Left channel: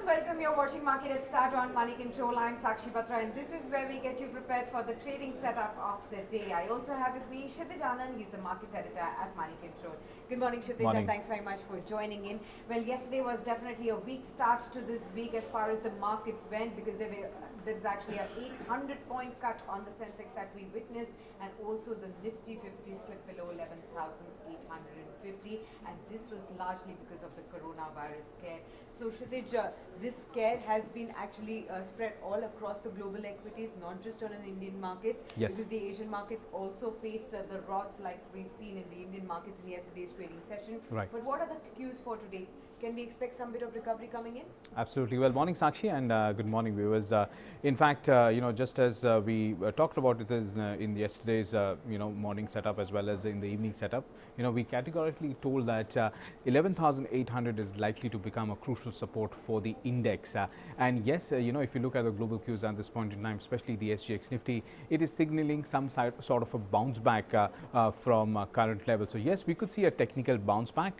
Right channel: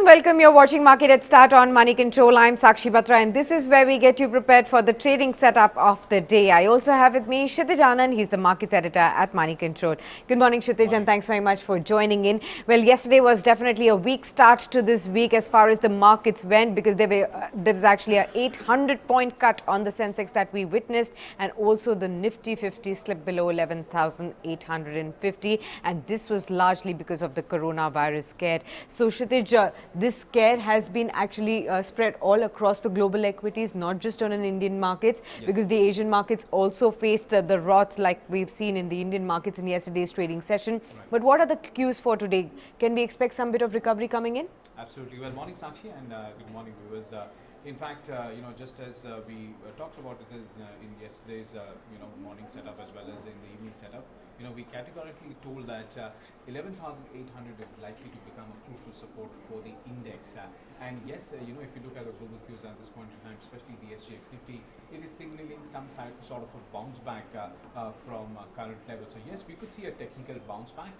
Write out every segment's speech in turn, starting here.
and welcome. You're watching Market at Start on Moneycontrol. I'm Sakshi Batra and this is where we get you prepared for the trading setup of the day. I also have with me Kshitij Anand. He's the markets editor at Moneycontrol. Good morning, Kshitij, and thanks very much for joining in. Well, yesterday was definitely a weak start to this week as far as the markets went, because there was actually a 800-point cut on the Sensex that we witnessed, and also the Nifty 50 slipped below 11,850, and this was largely because of the coronavirus scare. So Kshitij, this scare has been actually spread all across the global equities, not just on an Indian markets, because the Asian markets also faced the wrath like we've seen in the Indian markets in yesterday's trading session. But what are the cues for today? Can we expect some bit of recovery coming in? Absolutely. Well, morning Sakshi, and good morning viewers. In fact, just as we talked about it in yesterday's morning setup as well as in the evening setup, we categorically told that 11,800 is likely to become a crucial support for the index. And yes, if you look at the global cues at this point in time, especially the SGX Nifty, it is signaling some sort of a bounce back from current levels. So yes, we could see a technical bounce back,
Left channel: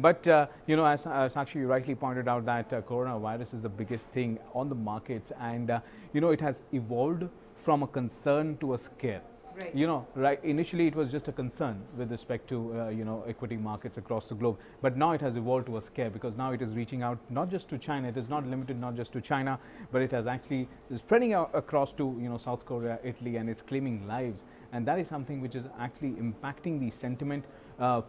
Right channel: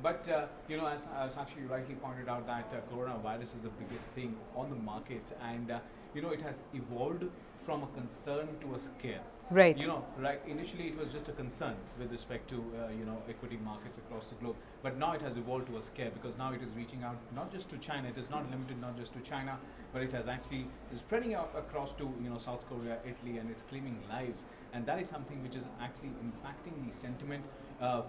but as Sakshi rightly pointed out, that coronavirus is the biggest thing on the markets, and it has evolved from a concern to a scare. Right. Initially, it was just a concern with respect to equity markets across the globe, but now it has evolved to a scare, because now it is reaching out not just to China. It is not limited not just to China, but it has actually is spreading out across to South Korea, Italy, and it's claiming lives, and that is something which is actually impacting the sentiment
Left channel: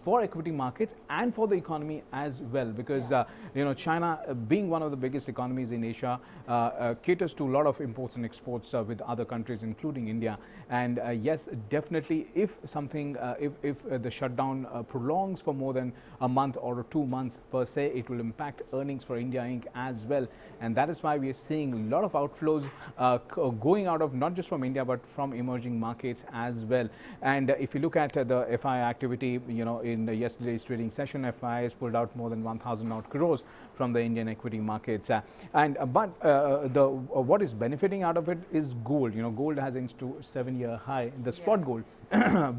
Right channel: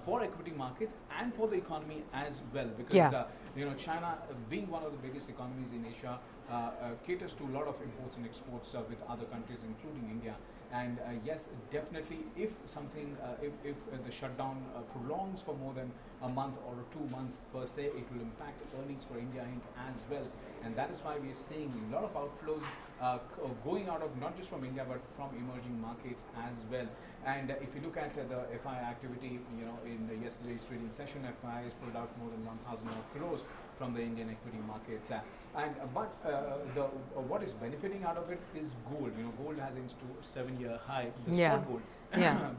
for equity markets and for the economy as well, because China, being one of the biggest economies in Asia, caters to a lot of imports and exports with other countries, including India. And yes, definitely, if something, if the shutdown prolongs for more than a month or 2 months per se, it will impact earnings for India Inc. as well. And that is why we are seeing a lot of outflows going out of not just from India but from emerging markets as well. And if you look at the FI activity, in yesterday's trading session, FI has pulled out more than 1,000 odd crores from the Indian equity markets, what is benefiting out of it is gold. Gold has inched to 7-year high, the spot gold.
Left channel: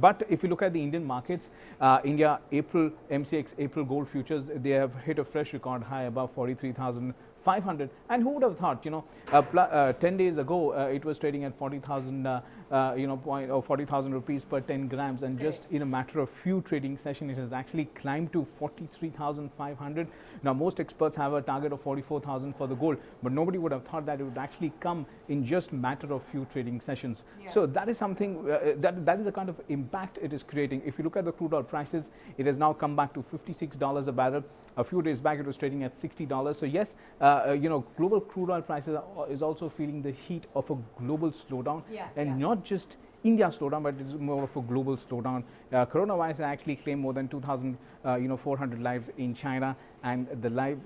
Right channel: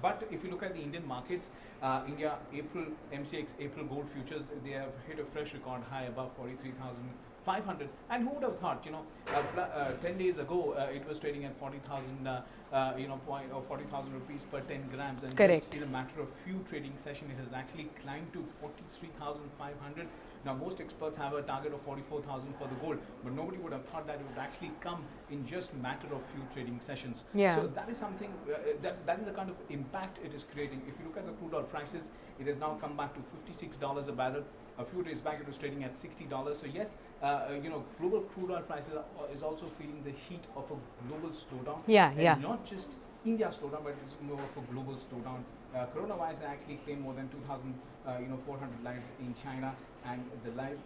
But if you look at the Indian markets, India MCX April gold futures, they have hit a fresh record high above 43,500, and who would have thought, 10 days ago it was trading at 40,000 40,000 rupees per 10 grams, and just in a matter of few trading sessions it has actually climbed to 43,500. Now most experts have a target of 44,000 for the gold, but nobody would have thought that it would actually come in just matter of few trading sessions. So that is something that is the kind of impact it is creating. If you look at the crude oil prices, it has now come back to $56 a barrel. A few days back it was trading at $60. So yes, global crude oil prices is also feeling the heat of a global slowdown, and not just India slowdown, but it's more of a global slowdown. Coronavirus actually claimed more than 2,400 lives in China, and the live,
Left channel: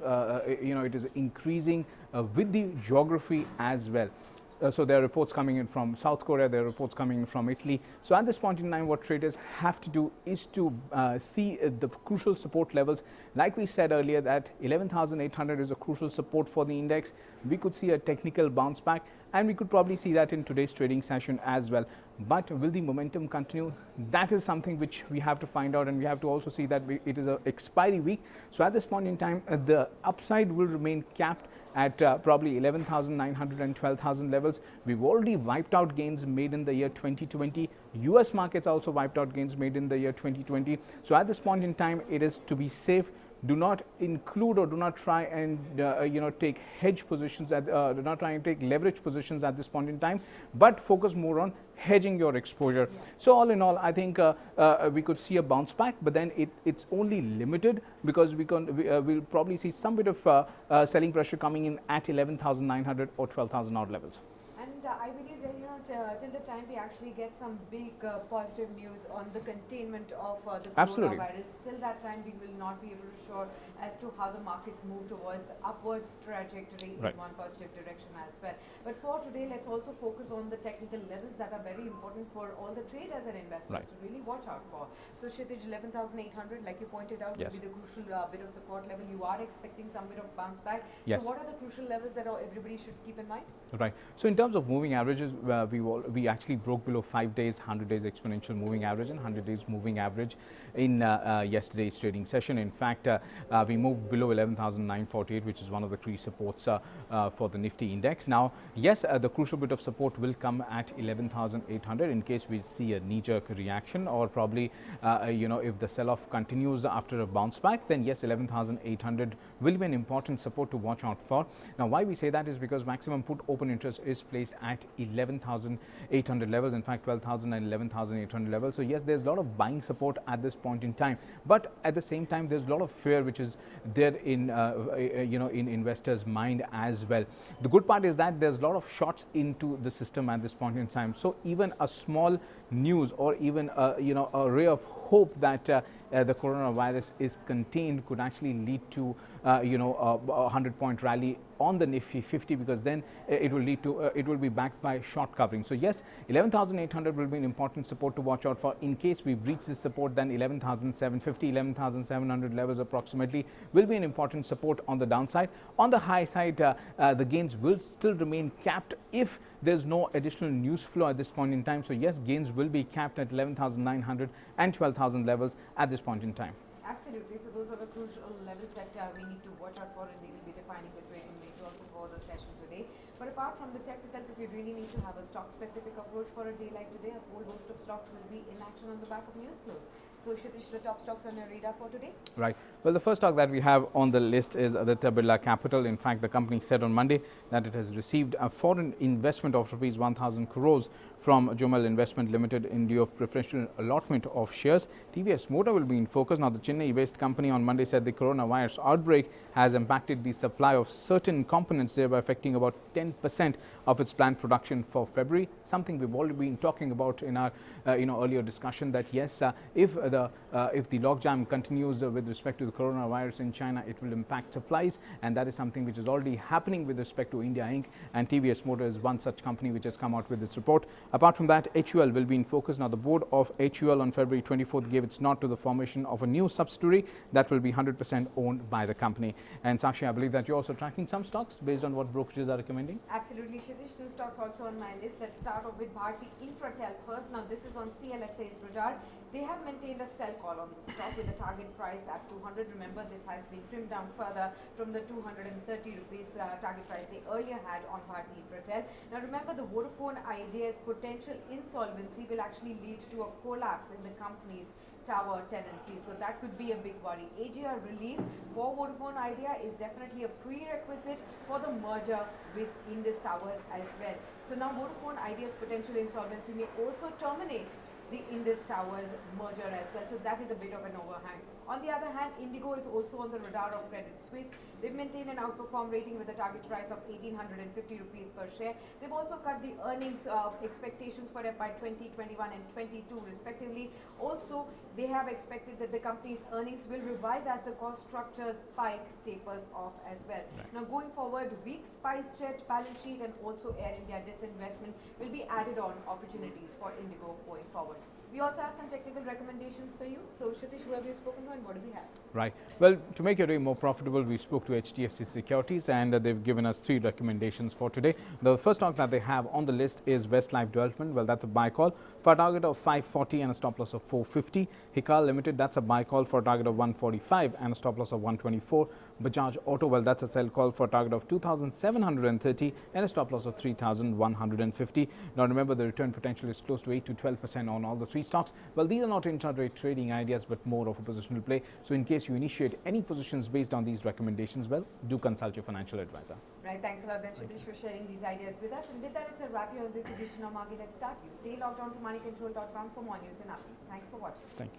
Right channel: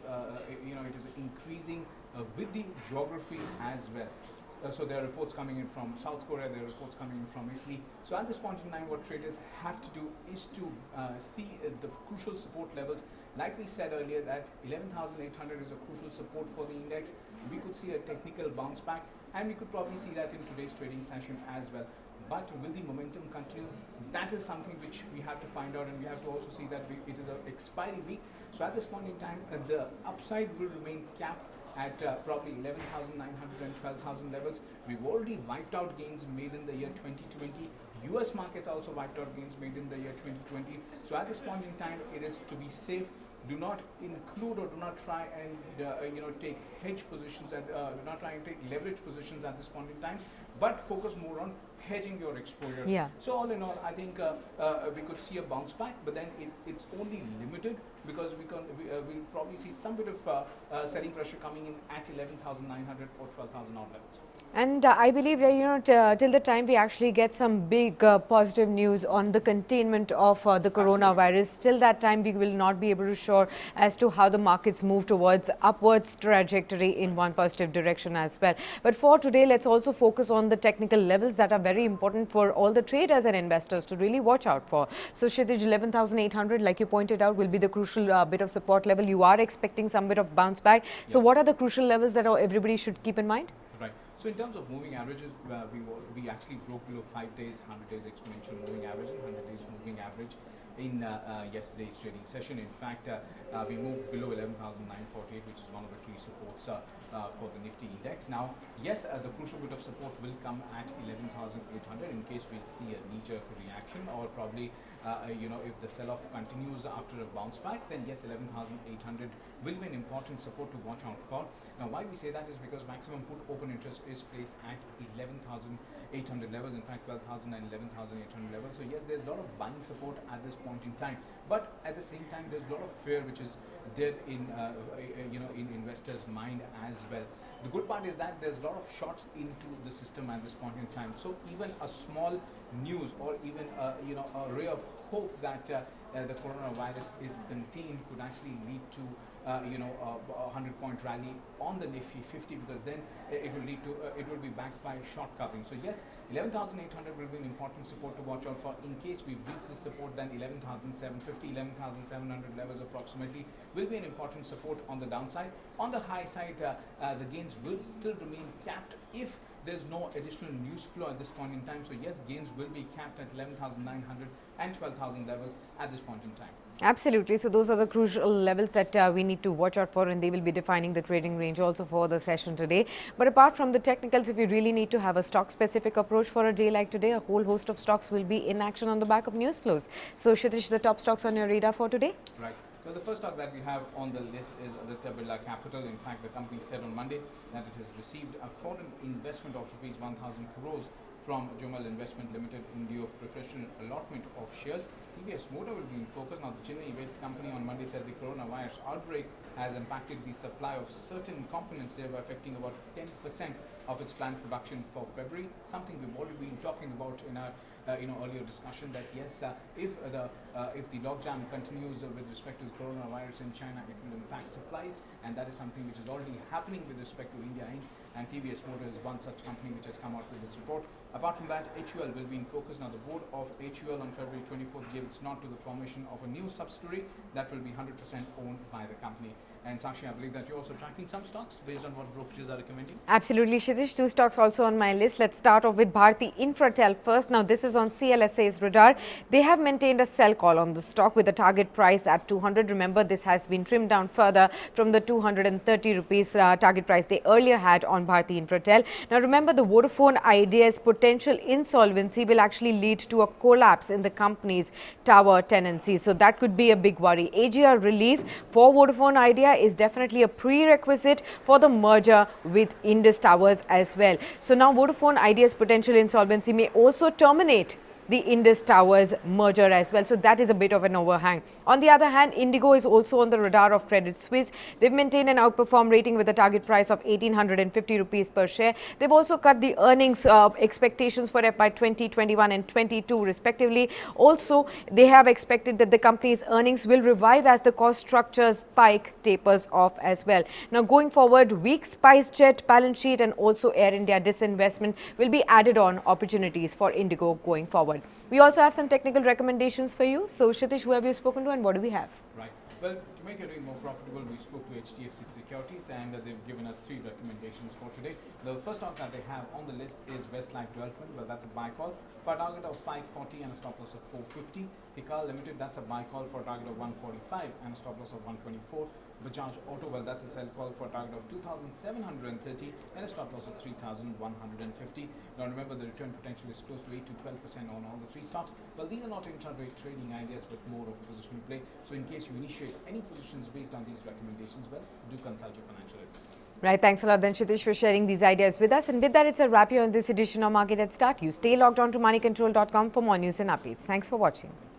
it is increasing with the geography as well. So there are reports coming in from South Korea, there are reports coming in from Italy. So at this point in time, what traders have to do is to see the crucial support levels. Like we said earlier, that 11,800 is a crucial support for the index. We could see a technical bounce back, and we could probably see that in today's trading session as well. But will the momentum continue? That is something which we have to find out, and we have to also see that it is an expiry week. So at this point in time, the upside will remain capped at probably 11,900 and 12,000 levels. We've already wiped out gains made in the year 2020. US markets also wiped out gains made in the year 2020. So at this point in time, it is to be safe. Do not include or do not try and take hedge positions do not try and take leverage positions at this point in time, but focus more on hedging your exposure. So all in all, I think we could see a bounce back, but then it's only limited, because we'll probably see some bit of selling pressure coming in at 11,900 or 12,000 odd levels. And I believe that, till the time we actually get some big positive news on the containment of the coronavirus, till that time we will not be able to sure as to how the markets move towards upwards trajectory in one positive direction as well. But for today, let's also focus on the technical levels that are very important for all the traders and investors to really watch out for. So Kshitij, 11,800, like you pointed out, will be the crucial bit of support level. You are expecting some bit of bounce back. So what are the crucial levels that everybody should keep in mind? Right. So in terms terms of moving averages, we actually broke below 5 days, 100 days exponential moving average and 100 days moving average in yesterday's trading session. In fact, we moved below 11,948, which is one of the key supports for the Nifty index. Now, yes, the crucial bit of support will come at 11,800 in case we see a knee-jerk reaction, or probably if the sell-off continues after a bounce back, then yes, 11,800 will be an important support to watch out for. Now, why we say that is because maximum put open interest is placed at 11,800 levels, in fact 12,000 and 11,800 levels. So yes, there's a lot of buying support at this point in time, but at the same time there's a lot of fear which is there in in investors' mind as well. The good part is that there's a lot of shots into the system at this point in time. So even a small news or even a ray of hope that the coronavirus is contained could actually lead to a 100-point rally on the Nifty 50, because then it will lead to it will be backed by short covering. So yes, 11,800 will be an important support to watch out for. In case we breach this support, then 11,750, 11,700 levels approximately will be an important support on the downside. On the high side, the gains will still remain capped if there's no additional news flow at this point in time. So yes, gains will be capped at 11,900 and 12,000 levels at this point in time. Absolutely. So those are the crucial levels that we need to watch out for, and they will be defining the trading range also for the session today. But apart from the technicals, if you really need to have a stock specific approach for a day like today, a whole host of stocks will be in action on the back of news flows. So Kshitish, the top stocks on your radar for today? Right. Well, the first stock that we have on the list is Aditya Birla Capital. In fact, the company said on Monday that it has received a foreign investment of rupees 1,000 crores from Jumal Investment Limited in lieu of preferential allotment of shares. TVS Motor will be in focus. Now, the Chennai-based company on Monday said the coronavirus outbreak has impacted the supply of certain components, thereby affecting about 10% of its planned production for February. Something we've already been talking about in our earlier discussion, that yes, if the logjam continues with respect to the coronavirus in China, it will impact supplies, and that is something which is already happening with respect to India Inc. And TVS Motor is one such company which has come out with its report. Apart from that, HUL will be in focus. Now, the board of HUL on February 24th gave its nod to the formation of a new subsidiary that will be 100% owned by the company. And Sakshi, I believe that you're also tracking some stocks based on what brokerages are recommending. Absolutely, Kshitish. Two stocks also on my list. Let's start off with Bharti Infratel first. Now, this is on CLSA's radar. They have maintained a sell call on the stock with a target price at 200. Remember, this has been trimmed down further from the 230 rupees target price they earlier had on Bharti Infratel. Now, remember, the Vodafone Idea's potential insolvency will actually lead to a collapse in the company's tower tenancy. So that could be a big worry. AGR relief for Vodafone Idea is definitely a prerequisite for the merger with Indus Towers as well. So now Vodafone Idea's potential insolvency may also terminate the Indus Towers merger as well. So that is a bit of an overhang. On the other hand, Indigo is also on the radar of Credit Suisse. They've maintained an outperform rating with a target price of 1,850 rupees per share. They've also cut the earnings expectations for FY 2021 and 22 respectively. Also, they have expected that the company's earnings will revive as the cost structure spike tapers off as well. Now, going forward, weak SpiceJet balance sheet and also Air India disinvestment will be added on opportunities for Indigo going forward. We also have some technical recommendations for you. So, Kshitish, who have you spoken to and what do we have? Right. Well, to make your day more profitable, we spoke to HDFC Securities and they've given us 3 recommendations for today. The first stock that they have on the list is Westlife Development. Well, that's a buy call for a target of 540 and a stop loss of 450. Hikal Limited, that's a buy call for a target of 145 and a stop loss of 124. Bajaj Auto, well, that's a sell call for a target of 2,730 and a stop loss of 3,150. Now, remember, the return potential is close to 8 to 12% on all the 3 stocks. Well, these are not intraday trading ideas, but more of a positional play. So, in case you initiate any positions based on these recommendations, well, do consult your financial advisor. Right. Thanks a lot, then, Kshitish, for sharing these ideas with us. And with that, it's a wrap here on this edition of Market Headstart. You stay logged on to moneycontrol.com for more news and updates. Thanks for watching. Thank you.